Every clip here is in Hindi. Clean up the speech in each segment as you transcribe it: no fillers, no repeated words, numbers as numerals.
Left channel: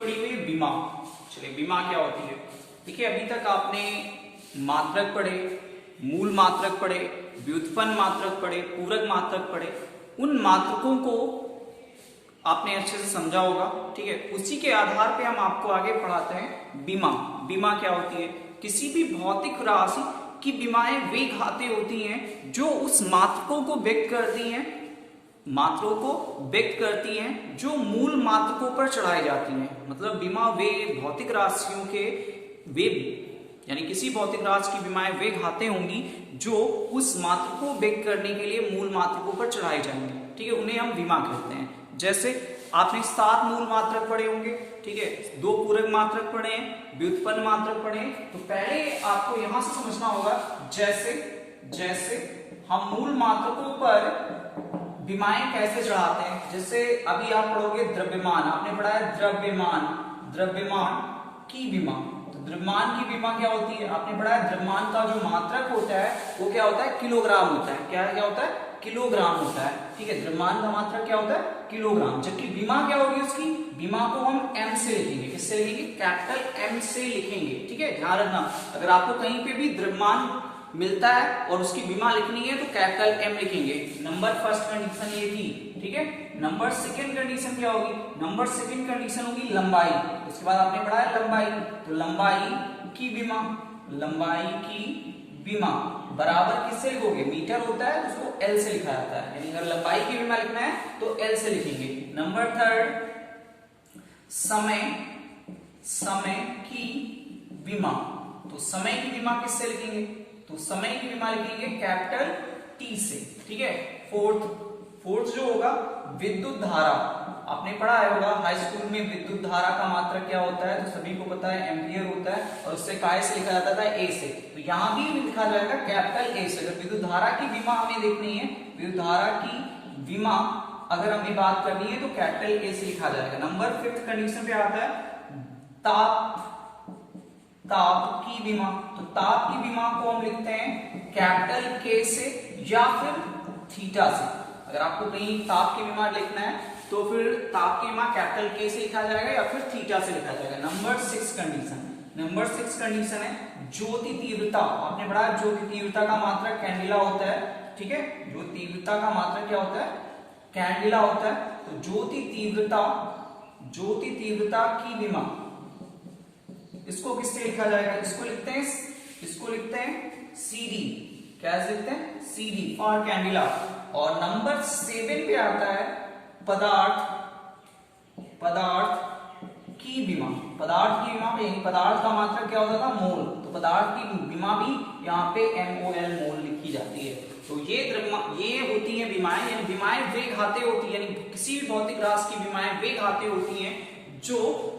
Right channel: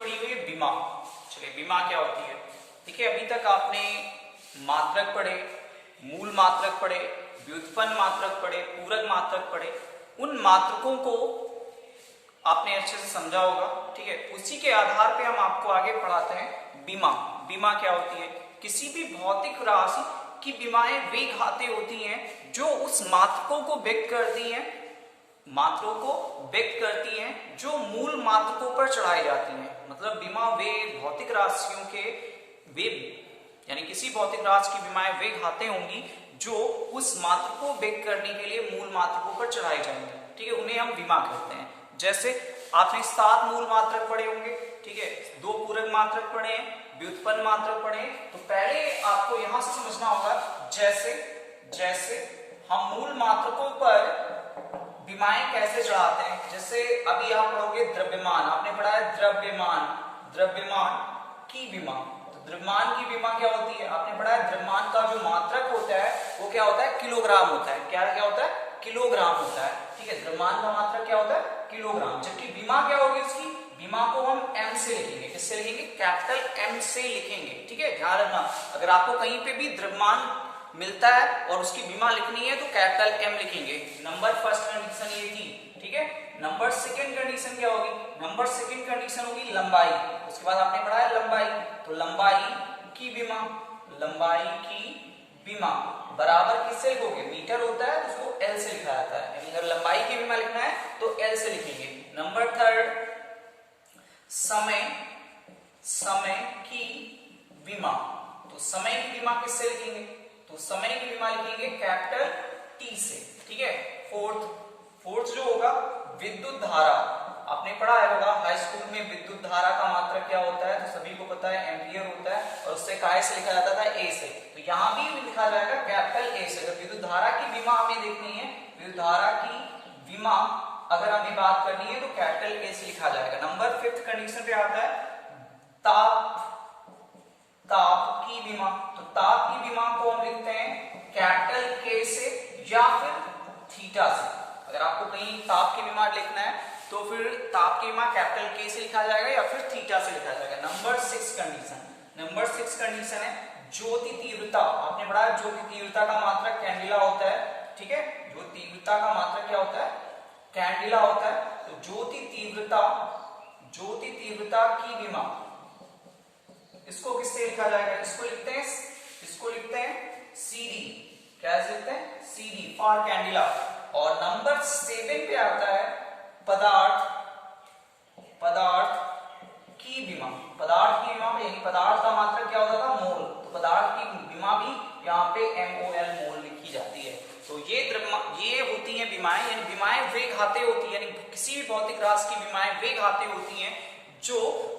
पड़ी हुई बीमा। चलिए बीमा क्या होती है। देखिए अभी तक आपने मात्रक पढ़े, मूल मात्रक पढ़े, व्युत्पन्न मात्रक पढ़े, पूरक मात्रक पढ़े। उन मात्रकों को आपने अच्छे से समझा होगा। ठीक है, उसी के आधार पे हम आपको आगे पढ़ाते हैं बीमा। बीमा क्या होती है? किसी भी भौतिक राशि की बीमाएं वे घातें होती हैं जो उस मात्रकों को व्यक्त करती हैं, मात्रों को व्यक्त करती हैं जो मूल मात्रकों पर चढ़ाई जाती हैं। मतलब बीमा वे भौतिक राशियों के वे यानी किसी भौतिक राशि की बीमाएं वे घातें होंगी जो उस मात्र को व्यक्त करने के लिए मूल मात्रकों पर चढ़ाई जाएंगी। ठीक है, उन्हें हम बीमा कहते हैं। जैसे आपने 7 मूल मात्रक पढ़े होंगे, ठीक है, 2 पूरक मात्रक पढ़े हैं, व्युत्पन्न मात्रक पढ़े हैं। तो पहले आपको यहां से समझना होगा जैसे जैसे हम मूल मात्रकों पर बीमाएं कैसे चढ़ाते हैं। जैसे अभी आप पढ़ोगे द्रव्यमान, आपने पढ़ा है द्रव्यमान, द्रव्यमान की बीमा। तो द्रव्यमान की बीमा क्या होती है? आपने पढ़ा है द्रव्यमान का जो मात्रक होता है वो क्या होता है? किलोग्राम होता है। क्या क्या होता है? किलोग्राम होता है। ठीक है, द्रव्यमान का मात्रक क्या होता है? किलोग्राम। जबकि बीमा क्या होगी उसकी? बीमा को हम एम से लिखेंगे। किससे लिखेंगे? कैपिटल एम से लिखेंगे। ठीक है, ध्यान रखना, अगर आपको कहीं पे भी द्रव्यमान मिलता है और उसकी बीमा लिखनी है तो कैपिटल एम लिखेंगे। नंबर फर्स्ट कंडीशन ये थी। ठीक है, नंबर सेकंड कंडीशन क्या होगी? नंबर सेकंड कंडीशन होगी लंबाई। उसके बाद आपने पढ़ा है लंबाई, तो लंबाई की बीमा, लंबाई की बीमा बराबर किससे लिखोगे? मीटर होता है तो उसको एल से लिखा जाता है। यानी अगर लंबाई की बीमा लिखना है तो एल से लिखेंगे। नंबर थर्ड समय, समय की बीमा। तो समय की बीमा किससे लिखेंगे? तो समय की बीमा लिखेंगे कैपिटल टी से। ठीक है, फोर्थ जो होगा विद्युत धारा। आपने पढ़ा है होगा हाई स्कूल में विद्युत धारा का मात्रक क्या होता है, तो सभी को पता है एम्पियर होता है और उससे काय से लिखा जाता था? ए से। तो यहां भी लिखा जाएगा कैपिटल ए से। अगर विद्युत धारा की बीमा हमें देखनी है, विद्युत धारा की बीमा अगर हमें बात करनी है तो कैपिटल ए से लिखा जाएगा। नंबर फिफ्थ कंडीशन पे आता है ताप, ताप की बीमा। तो ताप की बीमा को हम लिखते हैं कैपिटल के से या फिर थीटा से। अगर आपको कहीं ताप की बीमा लिखना है तो फिर ताप की बीमा कैपिटल के से लिखा जाएगा या फिर थीटा से लिखा जाएगा। नंबर 6 कंडीशन, नंबर 6 कंडीशन है ज्योति तीव्रता। आपने पढ़ा है ज्योति तीव्रता का मात्रक कैंडिला होता है। ठीक है, ज्योति तीव्रता का मात्रक क्या होता है? कैंडिला होता है। तो ज्योति तीव्रता, ज्योति तीव्रता की बीमा इसको किससे लिखा जाएगा? इसको लिखते हैं, इसको लिखते हैं सीडी। क्या लिखते हैं? CD for candela. और नंबर 7 पे आता है पदार्थ, पदार्थ की बीमा। पदार्थ की बीमा में यही पदार्थ का मात्रक क्या होता था? मोल। तो पदार्थ की बीमा भी यहाँ पे MOL मोल लिखी जाती है। तो ये होती हैं बीमाएं, यानी बीमाएं वे घातें होती है, यानी किसी भी भौतिक राशि की बीमाएं वे घातें होती हैं जो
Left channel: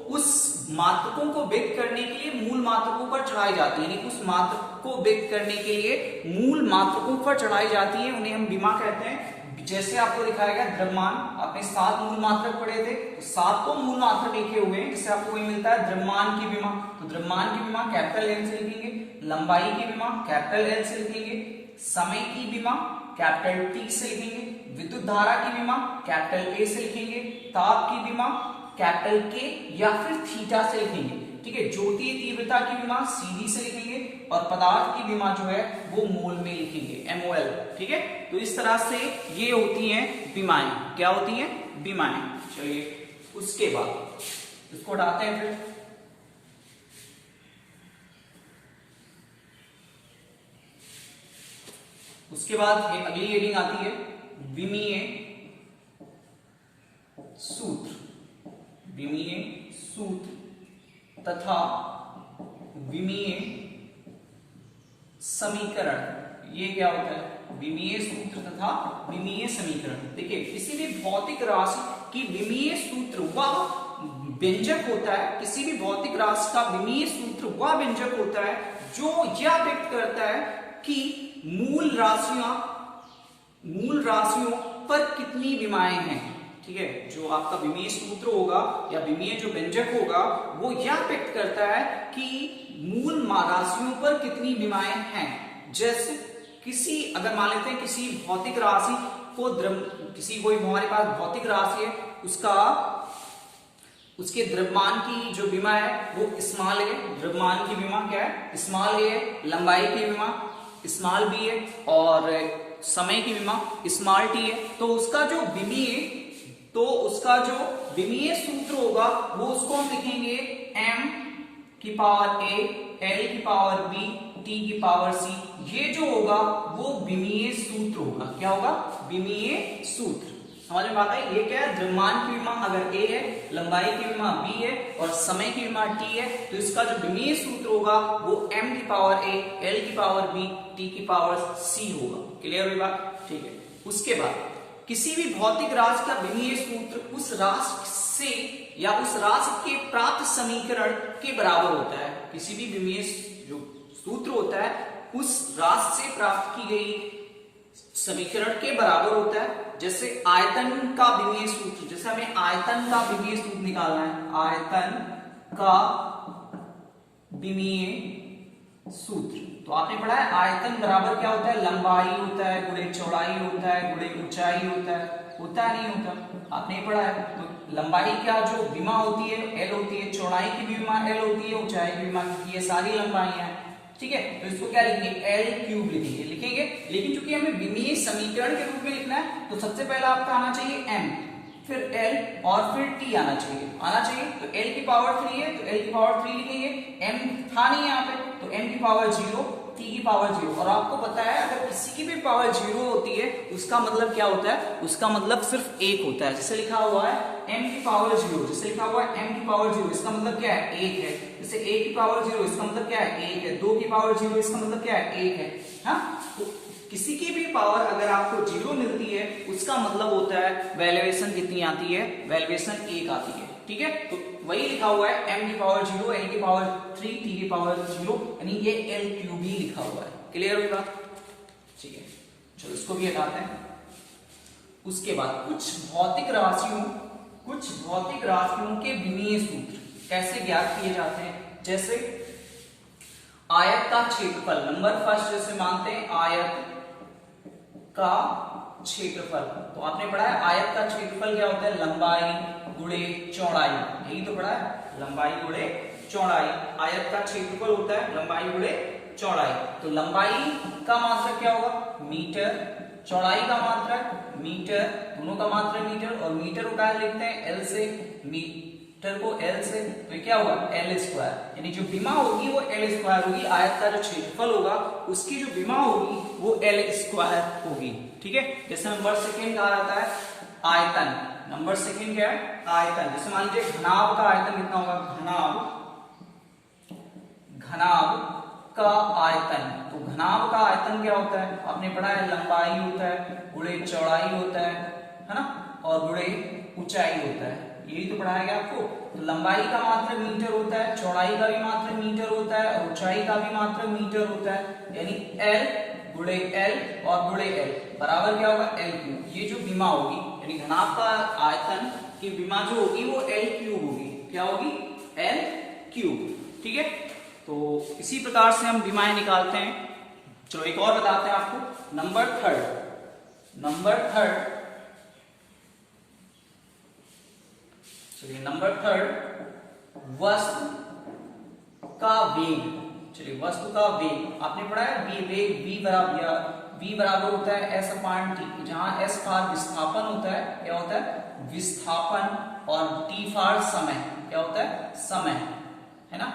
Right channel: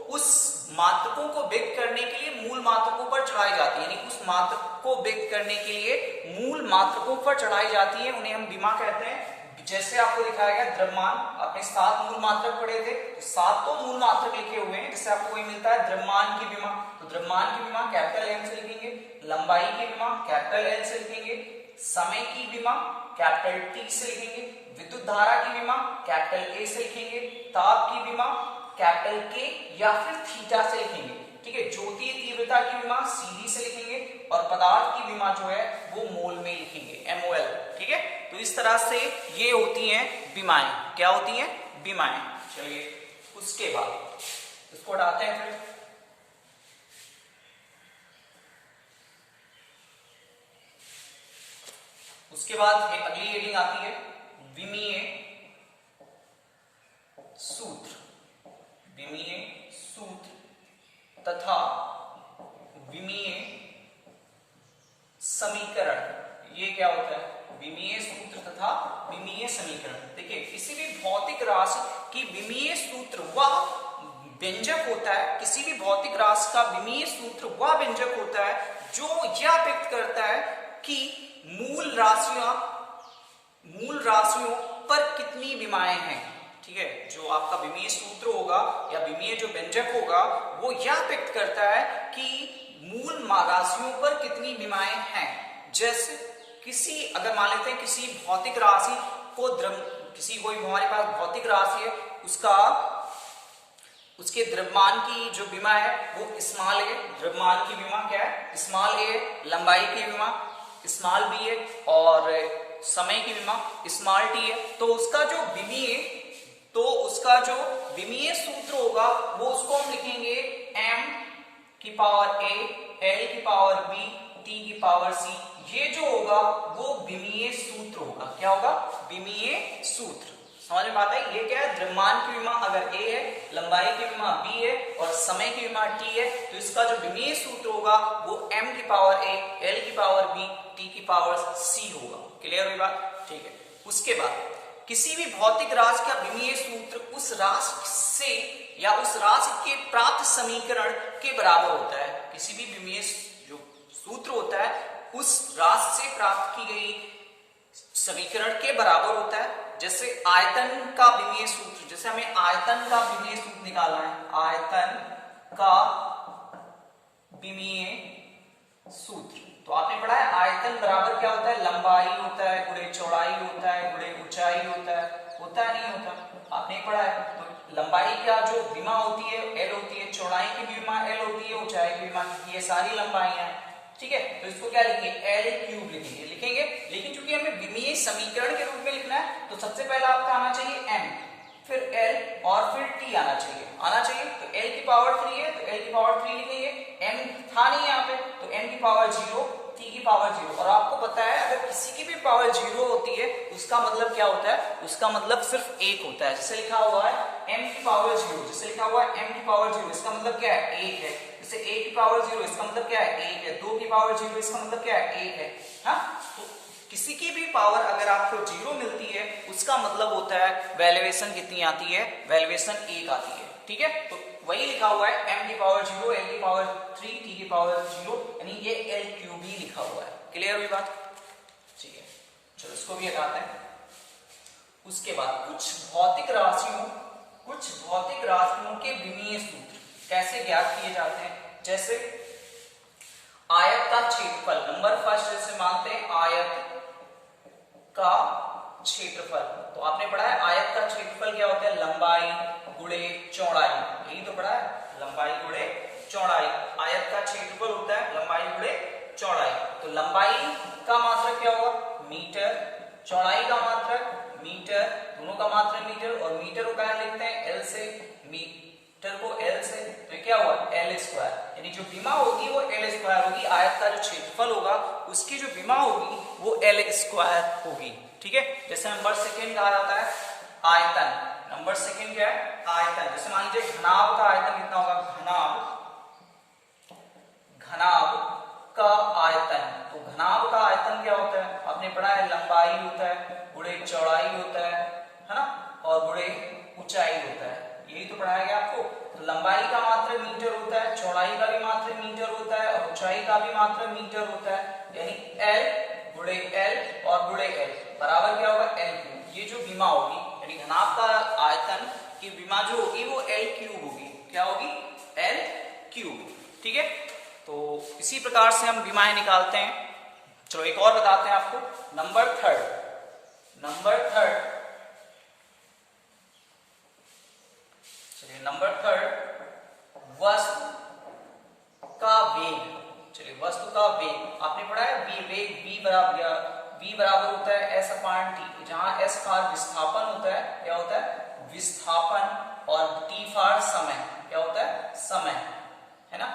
उस मात्रकों को व्यक्त करने के लिए मूल मात्रकों पर चढ़ाई जाती है। यानी उस मात्रक को व्यक्त करने के लिए मूल मात्रकों पर चढ़ाई जाती है, उन्हें हम बीमा कहते हैं। जैसे आपको दिखाया गया द्रव्यमान, आपने 7 मूल मात्रक पढ़े थे, तो 7 तो मूल मात्रक लिखे हुए हैं जिससे आपको कोई मिलता है द्रव्यमान की बीमा। तो द्रव्यमान की बीमा कैपिटल एम से लिखेंगे, लंबाई की बीमा कैपिटल एल से लिखेंगे, समय की बीमा कैपिटल टी से लिखेंगे, विद्युत धारा की बीमा कैपिटल ए से लिखेंगे, ताप की बीमा कैपिटल के या फिर थीटा से लिखेंगे। ठीक है, ज्योति तीव्रता की बीमा सीडी से लिखेंगे और पदार्थ की बीमा जो है वो मोल में लिखेंगे, MOL। ठीक है, तो इस तरह से ये होती हैं बीमाएं। क्या होती हैं? बीमाएं। चलिए उसके बाद इसको हटाते हैं फिर। उसके बाद अगली हेडिंग आती है विमीय सूत्र, विमीय सूत्र तथा विमीय समीकरण। ये क्या होता है? विमीय सूत्र तथा विमीय समीकरण। देखिए किसी भी भौतिक राशि की विमीय सूत्र वह व्यंजक होता है, किसी भी भौतिक राशि का विमीय सूत्र वह व्यंजक होता है जो यह व्यक्त करता है कि मूल राशियों पर कितनी विमाएं हैं। ठीक है, जो आपका विमीय सूत्र होगा या विमीय जो व्यंजक होगा वो यह व्यक्त करता है कि मूल राशियों पर कितनी विमाएं हैं। जैसे किसी अगर मान लेते हैं किसी भौतिक राशि को किसी कोई हमारे पास भौतिक राशि है, उसका उसके द्रव्यमान की जो विमा है वो स्मॉल ए, द्रव्यमान की विमा क्या है स्मॉल ए, लंबाई की विमा स्मॉल बी है और समय की विमा स्मॉल टी है। तो उसका जो विमीय सूत्र होगा वो उसको हम लिखेंगे m की पावर a, l की पावर b, t की पावर c। ये जो होगा वो विमीय सूत्र होगा। क्या होगा विमीय सूत्र। समझ में आता है। ये क्या है द्रव्यमान की विमा अगर a है, लंबाई की विमा b है और समय की विमा t है तो इसका जो विमीय सूत्र होगा वो m की पावर a, l की पावर b, t की पावर c होगा। क्लियर हुई बात। ठीक है। उसके बाद किसी भी भौतिक राशि का विमीय सूत्र उस राशि से या उस राशि के प्राप्त समीकरण के बराबर होता है। किसी भी विमीय जो सूत्र होता है उस राशि से प्राप्त की गई समीकरण के बराबर होता है। जैसे आयतन का विमीय सूत्र, जैसे हमें आयतन का विमीय सूत्र निकालना है, आयतन का विमीय सूत्र तो आपने पढ़ा है आयतन बराबर क्या होता है लंबाई होता है गुणे चौड़ाई होता है गुणे ऊंचाई होता है नहीं होता। आपने पढ़ा है लंबाई का जो विमा होती है एल होती है, चौड़ाई की भी विमा एल होती है, ऊंचाई की विमा ये सारी लंबाइयां हैं। ठीक है। तो इसको क्या लिखेंगे एल क्यूब लिखेंगे। लेकिन चूंकि हमें विमीय समीकरण के रूप में लिखना है तो सबसे पहला आपका आना चाहिए m, फिर l और फिर t आना चाहिए। तो l की पावर 3 है तो l की पावर 3 लिखेंगे। m था नहीं यहाँ पे तो m की पावर 0, t की पावर 0। और आपको पता है अगर किसी की भी पावर 0 होती है उसका मतलब क्या होता है, उसका मतलब सिर्फ एक होता है। जैसे लिखा हुआ है m की पावर 0, जैसे लिखा हुआ है m की पावर 0 इसका मतलब क्या है एक है। जैसे a की पावर 0 इसका मतलब क्या है एक है। 2 की पावर 0 इसका मतलब क्या है एक है। हाँ तो किसी की भी पावर अगर आपको 0 मिलती है उसका मतलब होता है वैल्यूएशन कितनी आती है, वैल्यूएशन 1 आती है। ठीक है। तो वही लिखा हुआ है m की पावर 0, l की पावर 3, t की पावर 0 यानी ये l क्यूब ही लिखा हुआ है। क्लियर हुई बात। ठीक है। चलो इसको भी हटाते हैं। उसके बाद कुछ भौतिक राशियों के विमीय सूत्र कैसे ज्ञात किए जाते हैं। जैसे आयत का क्षेत्रफल, नंबर फर्स्ट जैसे मानते हैं आयत का क्षेत्रफल। तो आपने पढ़ा है आयत का क्षेत्रफल क्या होता है लंबाई गुणे चौड़ाई, यही तो पढ़ा है लंबाई गुणे चौड़ाई। आयत का क्षेत्रफल होता है लंबाई गुणे चौड़ाई। तो लंबाई का मात्रक क्या होगा मीटर, चौड़ाई का मात्रक मीटर, दोनों का मात्रक मीटर और मीटर को क्या लिखते हैं एल से, मीटर को एल से। तो ये क्या हुआ एल स्क्वायर, यानी जो विमा होगी वो एल स्क्वायर होगी। आयत का जो क्षेत्रफल होगा उसकी जो विमा होगी वो एल स्क्वायर होगी। ठीक है। जैसे नंबर सेकेंड कहा जाता है आयतन, नंबर सेकेंड क्या है आयतन। जैसे मान लीजिए घनाभ का आयतन कितना होगा, घनाभ का आयतन। तो घनाभ का आयतन क्या होता है आपने पढ़ा है लंबाई होता है गुणे चौड़ाई होता है ना, और गुणे ऊंचाई होता है। यही तो पढ़ाया गया आपको। तो लंबाई का मात्रक मीटर होता है, चौड़ाई का भी मात्रक मीटर होता है और ऊंचाई का भी मात्रक मीटर होता है। यानी L गुणे L और गुणे L बराबर क्या होगा L क्यूब। ये जो विमा होगी यानी घनाभ का आयतन की विमा जो होगी वो L क्यूब होगी। क्या होगी L क्यूब। ठीक है। तो इसी प्रकार से हम विमाएं निकालते हैं। चलो एक और बताते हैं आपको। नंबर थर्ड चलिए नंबर थर्ड वस्तु का वेग। चलिए वस्तु का वेग आपने पढ़ा है वेग v बराबर होता है s अपान t, जहां s का विस्थापन होता है क्या होता है विस्थापन और t फॉर समय क्या होता है समय, है ना।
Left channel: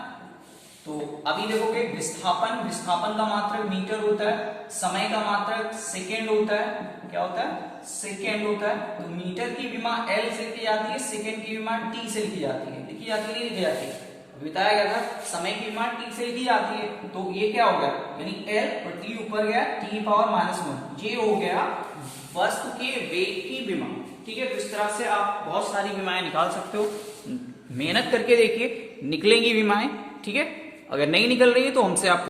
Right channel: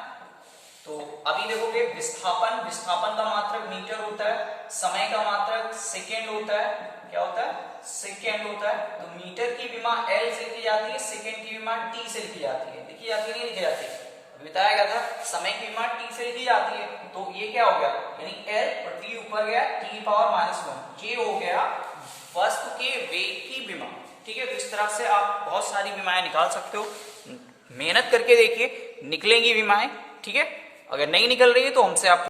तो अभी देखोगे विस्थापन का मात्रक मीटर होता है, समय का मात्रक सेकेंड होता है। क्या होता है सेकेंड होता है। तो मीटर की विमा L से लिखी जाती है, सेकेंड की विमा T से लिखी जाती है। लिखी जाती है नहीं लिखी जाती है बताया गया था। समय की विमा T से लिखी जाती है। तो ये क्या हो गया यानी L और T ऊपर गया T पावर -1, ये हो गया वस्तु के वेग की विमा। ठीक है। तो इस तरह से आप बहुत सारी विमाएं निकाल सकते हो। मेहनत करके देखिए निकलेंगी विमाएं। ठीक है। अगर नहीं निकल रही है तो हमसे आप